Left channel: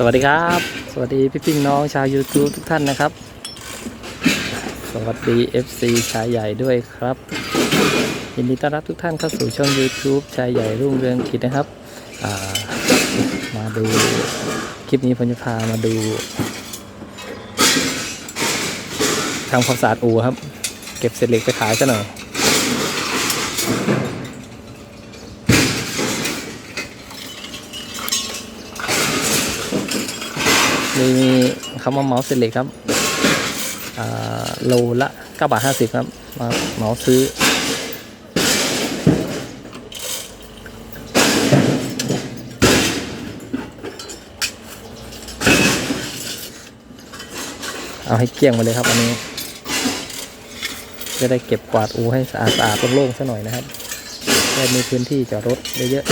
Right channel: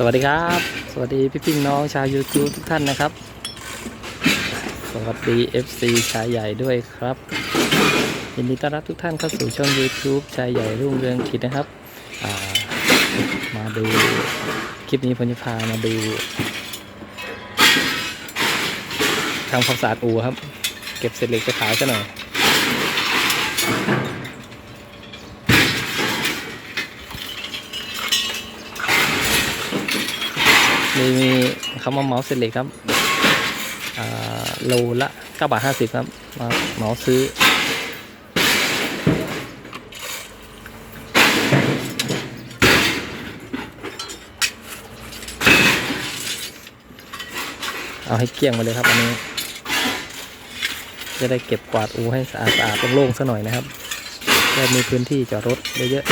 สวัสดีครับ สวัสดีพี่พี่น้องชาว YouTube ทุกท่านนะครับ สวัสดี FC ชายใหญ่ด้วยครับยินดีต้อนรับทุกท่านเข้าสู่ช่อง YouTube ชายใหญ่รุ่งเรืองกิจนะครับามาดูคลิปนี้ผมจะพามาดูทำความสะอาดอู่ครับ เก็บเศษเหล็กไปขายซะหน่อย มีมีคำว่าเมาส์เซเลครับโลละ9บาท50 ครับ มาเมาส์ซื้อ เอาให้เกลี้ยงไปเลยครับ อันนี้ จะได้เก็บกวาดอูให้สะอาดสะอาดโล่งๆซะหน่อยนะครับได้มีพื้นที่จอดรถได้เยอะ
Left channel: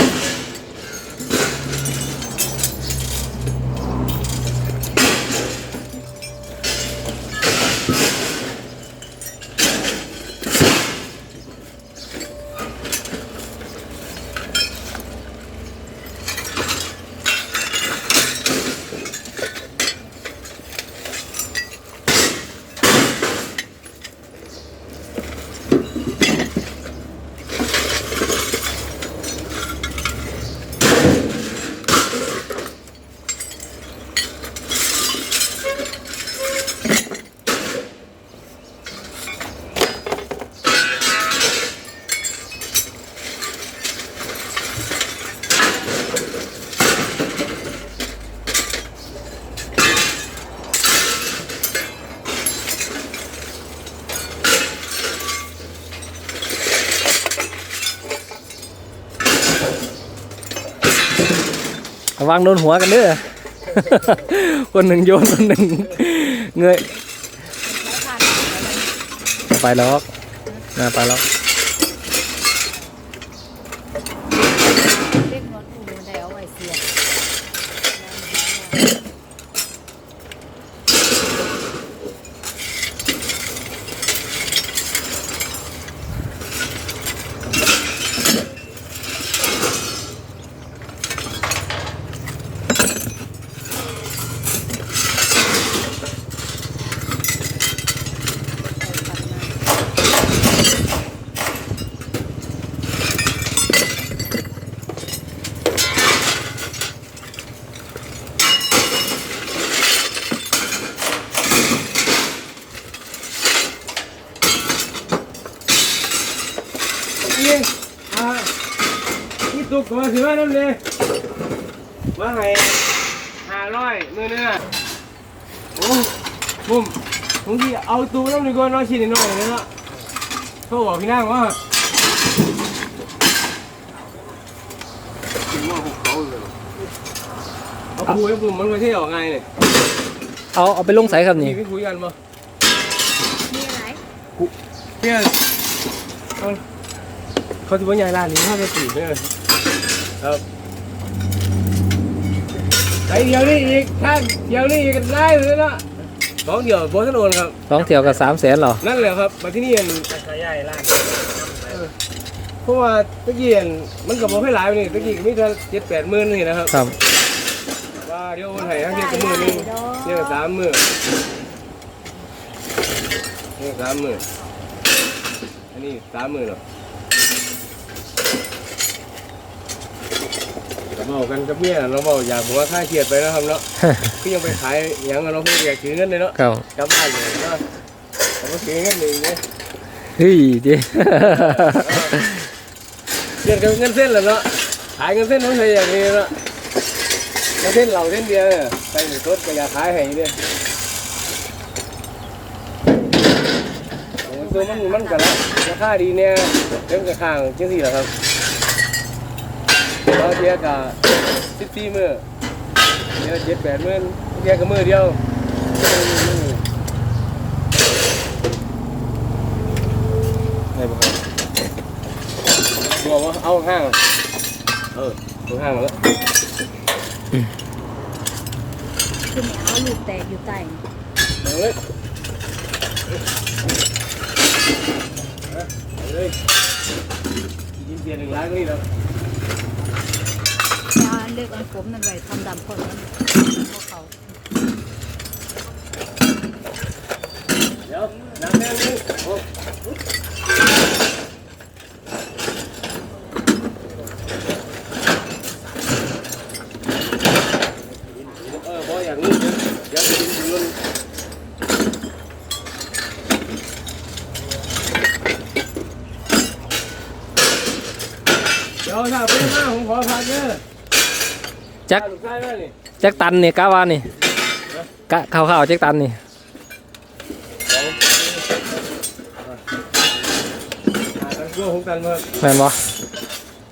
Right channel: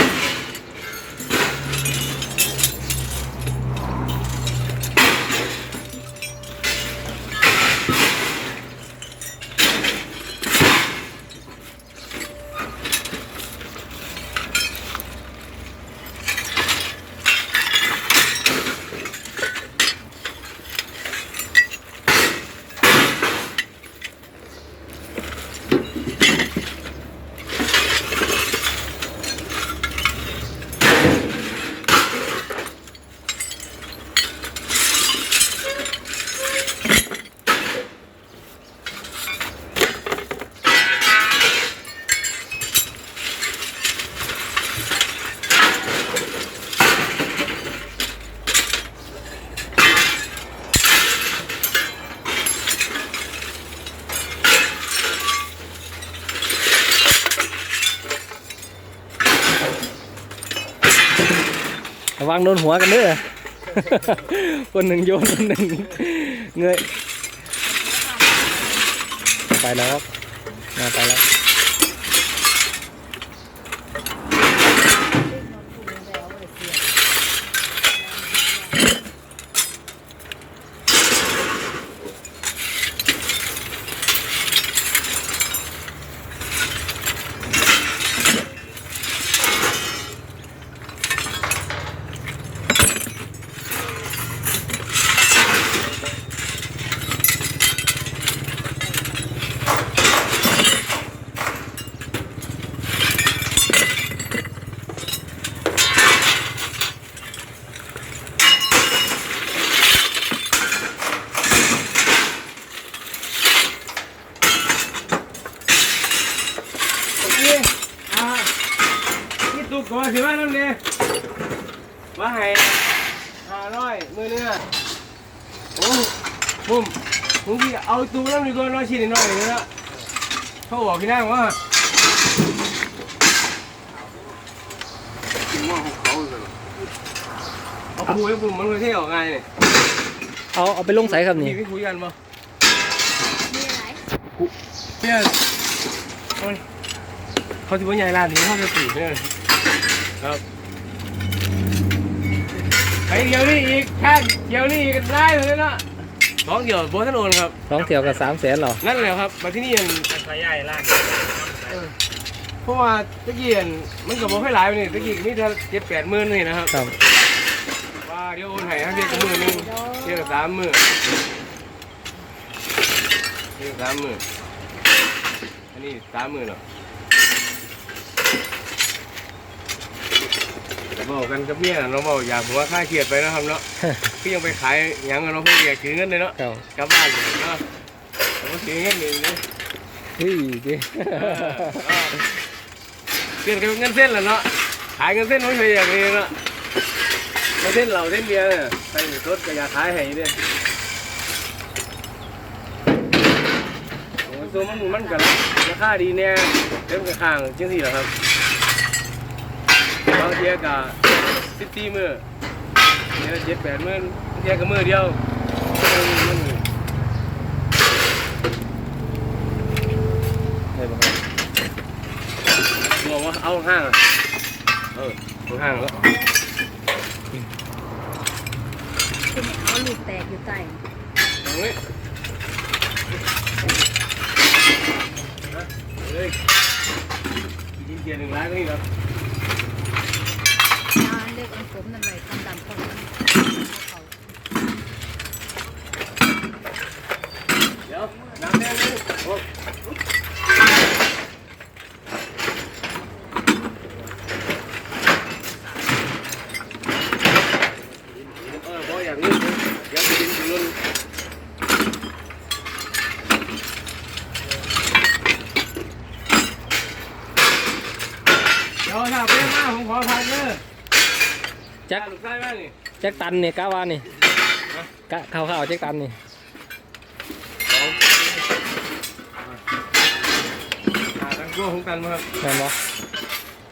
ระวังโดนหัวกันเด้อ คนหนึ่งโยนคนหนึ่งเงยไปแล้วนะไปแล้ว เด็กน้อยผู้เดินแล้วไอ้เสีย นี่อ่านี่ตุกตัวถือว่านั่นเลยมาให้ห้าร้อยมือเนื้อโอ้ผมผมที่เอาตู้น้ำดีกว่าน้อยชิ้นน้อยเลยนะเขาบอกพี่นางว่าถึงว่าหกเขาเลยเอาคุยกับผมมันก็เที่ยวไงเนี่ยเอาเอาไปลงใส่ครับนี่พี่พี่คุยกันปะมีอะไรเนี่ยเอาดิ เขาจะว่าใหญ่ร้านนี้เขาจะปลีกเนี่ยครับไปเดี๋ยวนี้อีกท่านเดี๋ยวนี้กันได้เลยนะน้องเดี๋ยวโบสถนนครับ สองเที่ยวกับสามแสนหรอนั่นแหละครับ มาที่นี่ยังขยายร้านเพราะว่าตะกี้อันมันกับโบให้หลายไปนี่ตะกี้ก็มีแต่เจ็ดแปดหมื่นนี่นะครับครับว่าเดี๋ยวโอนให้ทั้งเดียวกับมือหนึงเดียวกับสามหมื่นเดียวกับสามหมื่นอันนี้สามหมื่นหรอ เมากันกับเมียเราเมาอยากหัวค่าเครียดไปนะครับเนาะ คือยังไปขายหยังกันเราะเพื่ออยากถือเงินเลยเนาะครับกลับบ้านเลยเนาะเราก็ถือเงินหนึ่งเนี่ยเฮ้ยดิเดือนกับเงินเส้นแหละเนาะ ขายเงินเส้นไม่ใช่อย่างนี้เนาะเงินเส้นเราเส้นเดียวเนี่ยใส่รถก็อยากขายให้เนี่ยโอ้ยตัวมันมันก็ราคาดีเนี่ยเต็มกระข้างจังสี่แหละครับ เราเทียกับสิบสี่มือเทียเจ็ดแปดหมื่นเทียกับมือเดียวมือไม่เป็นไรบอกว่าเอาห้างอะเออเอาห้างแล้วคือเนี่เขาลูกแตกอยู่ใต้เอาเลยเอาเลยกินเทียนหนึ่งล้านก็นี่เนาะ กอันผมนั่นไว้ทำดำคนเขาเดี๋ยวน้ำแดงนี่โอ้เออพออย่างนี้เดี๋ยวจะกินถึงรุ่นเดี๋ยวถ้าเป็นหน้าผมขอพันเด้อ จักลูกชายแม่นี่จักตันนี่กะว่านี่กะข้าวๆจักตันนี่สองหาตั้งตัวของตันมาครับแม่นบ่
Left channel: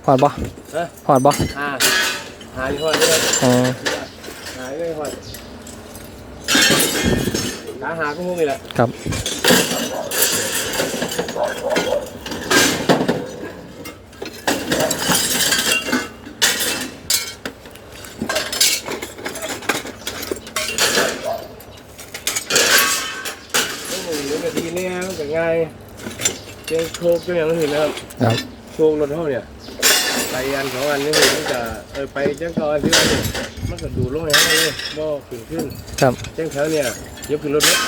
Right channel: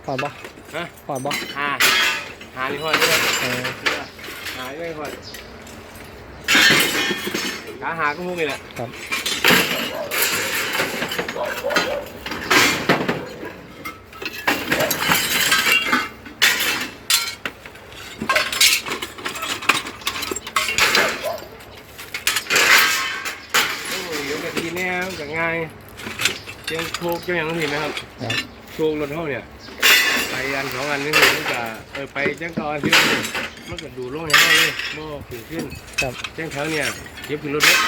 หอดบ่ฮะหอดบ่หาหานี่พอได้ครับอ๋อหาไม่พอหาหาก็พวกนี้แหละครับ โอ้ยกะทีเนี่ยกับง่ายเจ้าโชคเจ้าอย่างนี้นะครับ ครับโชครถเท่าเนี่ยไปอันสองอันนี่คือมันจะเออไปแจ้งก่อนที่มันก็ดูลงให้เขาเลยบ่ขึ้นขึ้นครับแจ้งแถวเนี่ยเย็บขึ้นรถเนี่ย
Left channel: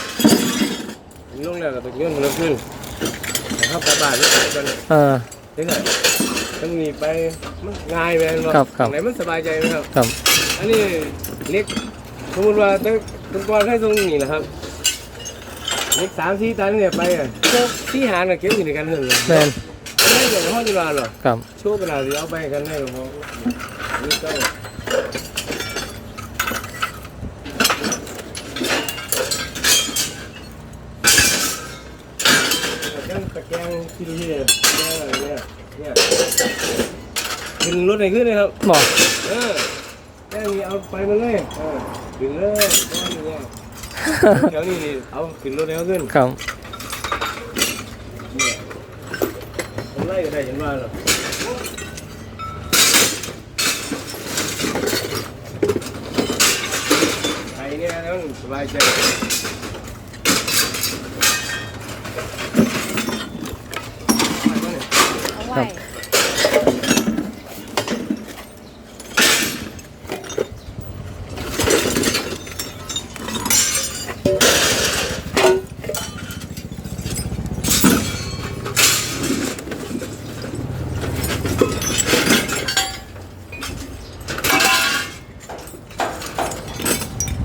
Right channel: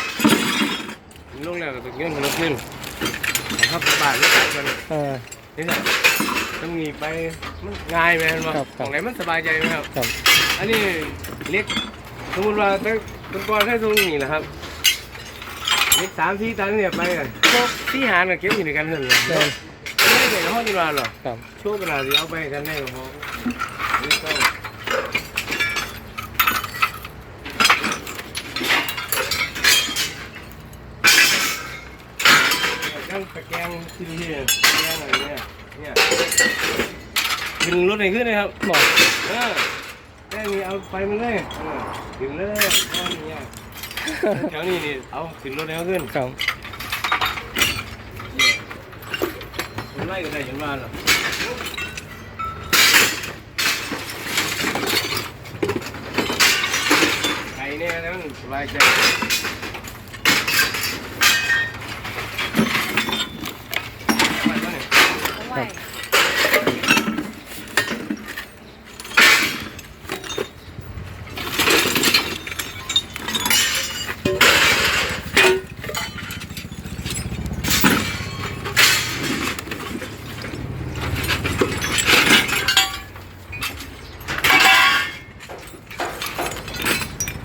ลงแล้วก็ต้องย้อนขึ้นรถนึงให้เขากลับบ้านนี่กันเออนี่ไงต้องมีไปมันง่ายไหมมันครับครับตรงไหนมันสบายใจไหมครับ ครับ อันนี้เล็กสมมติว่าตั้งตั้งก่อนแค่ตรงนี้นะครับ เล็กสามสี่ตันเนี่ยไปอะโชคที่หารกับเก็บอยู่ในกันเถอะเลยแม่นไม่ใหญ่ห้องจีราหรอกครับโชคกระดาษเอาไปกันแน่ก็พอนี่ต้องกันตะแกรงที่ดูที่เนี่ยอะไรเนี่ยเนี่ยดึงรถไหนขึ้นเลยครับบ่เออได้มีเอาไปมันเลยเออดึงเลยก้อนนี้ แถวนี้นี่เอาขึ้นรถแล้วขึ้นครับเนี่ยผมไล่ก็ได้เห็นว่าหรอไอ้เนี่ยนะมันสบายใจไปแล้วเนี่ยเอาไว้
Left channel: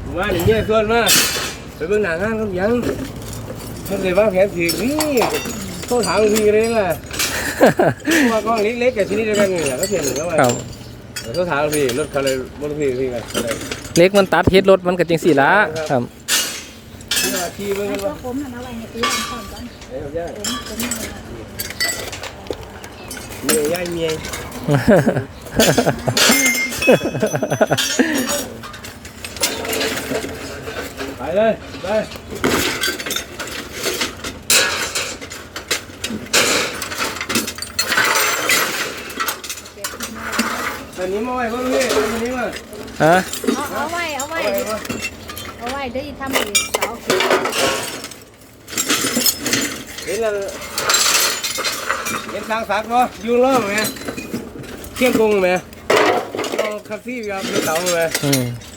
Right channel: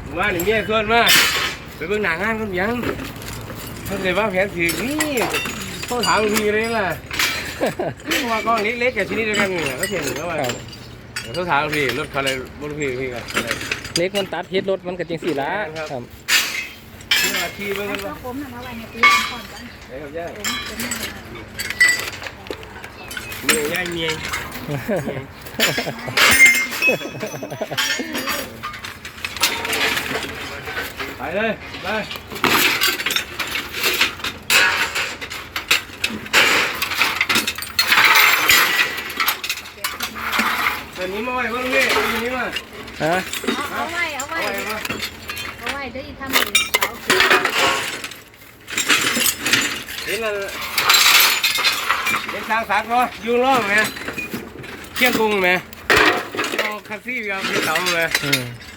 ผมว่าอ ย่างเงี้ยส่วนมากไปเบิ่งหนังงานกันยังถ้าเกิดว่าแผนถือนี่ต้องถามหลวงพี่เลยล่ะเพราะว่าก้อนเล็กๆกับชนิดเดียวกันนี่แหละก็เทียนก็ว่าครับเดี๋ยวต้องถามหลวงพี่รถเขาเลยบนหลวงพี่พี่กันอะไรเล็กมันตัดเฮ็ดรถมันก็จังสี่ละครับที่ว่าขี่เบิ่งกันพวว่ากผมนั่นเอาไว้ในตู้ทำก่อนกันไอ้กับย่าผมผมนั่นน่ะเมียย่ายเมีย ไปเลยไปวันนี้มาไว้บ้างพี่วันนี้มาฮะเอาไว้เอาเอาไว้ไว้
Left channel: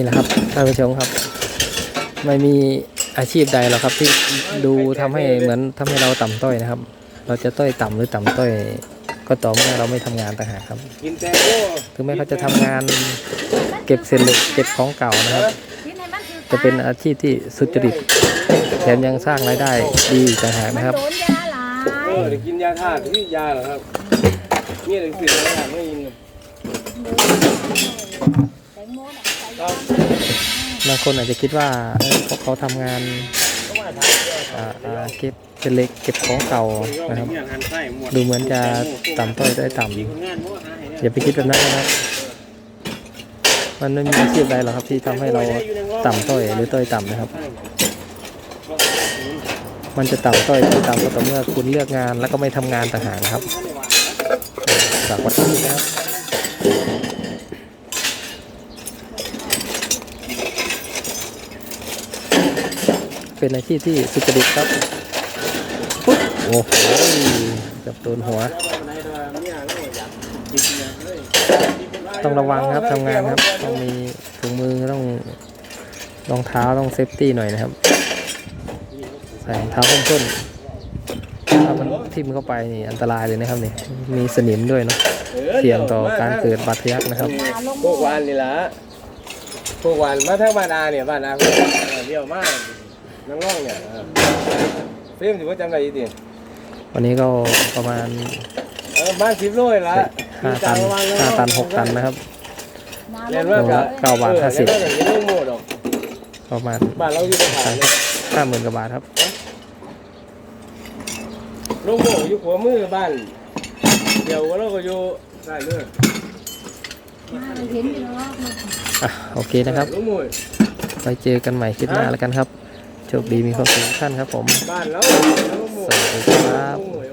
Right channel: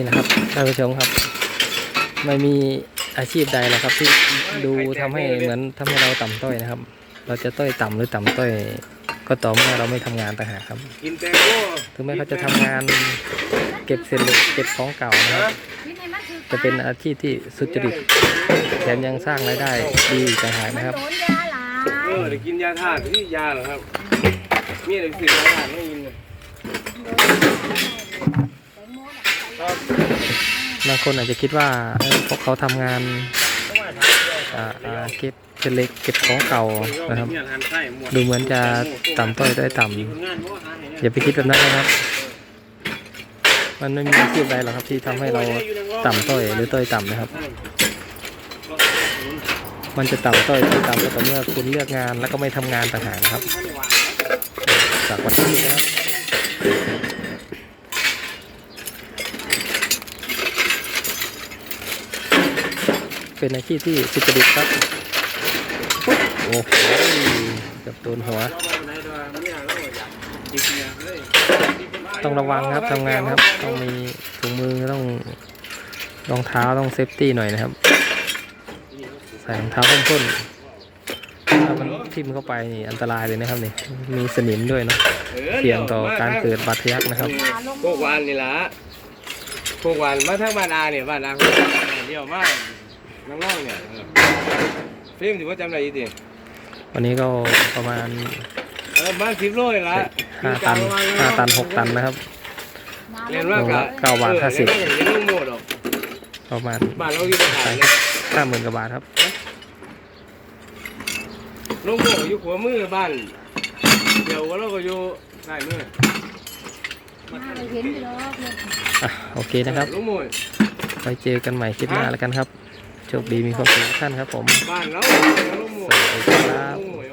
นี่แหละครับท่านผู้ชมครับ ไม่มีอาชีพใดหรอกครับ ที่ดูทำให้เหมือนทำให้เราต่ำต้อยนะครับ เราจะต้อยต่ำหรือต่ำต้อย ก็ต่อเมื่อเราไม่ทำงานต่างหากครับถึงแม้เขาจะทำงานเก็บเศษเหล็กเก็บของเก่านะครับ จะเป็นอาชีพที่สุจริตแถมยังสร้างรายได้ดีต่างหากนะครับโดนยาหลายเออเดี๋ยวกินยาธาตุที่ยาเหรอครับมีอะไรสิยาธาตุไม่กิน บางคนอาจจะคิดว่าเออพวกเขาทำงานต้องาถามด้วยอ่าอ่าเก็บเศษเหล็กเก็บของเก่านะครับ ดูเหมือนจะต่ำต้อยได้ต่ำมีคนงาอย่าไปคิดแบบนั้นนะครับ มันไม่มีอาชีพใดหรอกครับที่ทำให้เราต่ำต้อยหรือต้อยต่ำนะครับ มันจะต่ำต้อยต้อยต่ำก็ต่อเมื่อคุณเลือกงานแล้วก็ไม่ทำงานต่างหากนะครับ จากวัดที่นะครับ เป็นอาชีพที่สุจริตครับปุ๊บโอ้โหเกับโดนหัว ต้องระวังครับทำงานครับ ต้องมีถุงมือต้องรองเท้าต้องเซฟตี้หน่อยนะครับ ใส่รองเท้าส้นต้นถ้ามันทิ่มเข้าไปนี่อันตรายเลยนะครับนี่มีสนิมด้วยเนาะเสี่ยงต่อการเกิดบาดทะยักนะครับพวกวานนี่ละพวกวานมาถ้าบ้านอาเนี่ยบ้านอาเดียวมาก น้ำง่องเนี่ยเออเพิ่มถือว่าจำได้ยี่สิวันนี้ก็ประมาณเออบ้านสิบโลเลยละห้าตันห้าตันหกตันนะครับเรียนว่าโลละเก้าบาทห้าสิบเรียนว่าอย่างนี้ลูกโม่ดอกประมาณบ้านเราอยู่ตรงไหนเลยห้าหมื่นกว่าบาทครับลูกโม่อยู่หัวมือบ้านเดี๋ยวเราก็อยู่ใต้มือมาไปเห็นอยู่แล้วว่าเพื่อนอะโอเคนะครับลูกโม่ไปเจอกันใหม่คลิปหน้าแล้วกันครับ โชคดีมีความสุขทุกท่านครับผม บ้านเราลูกโม่สวัสดีครับ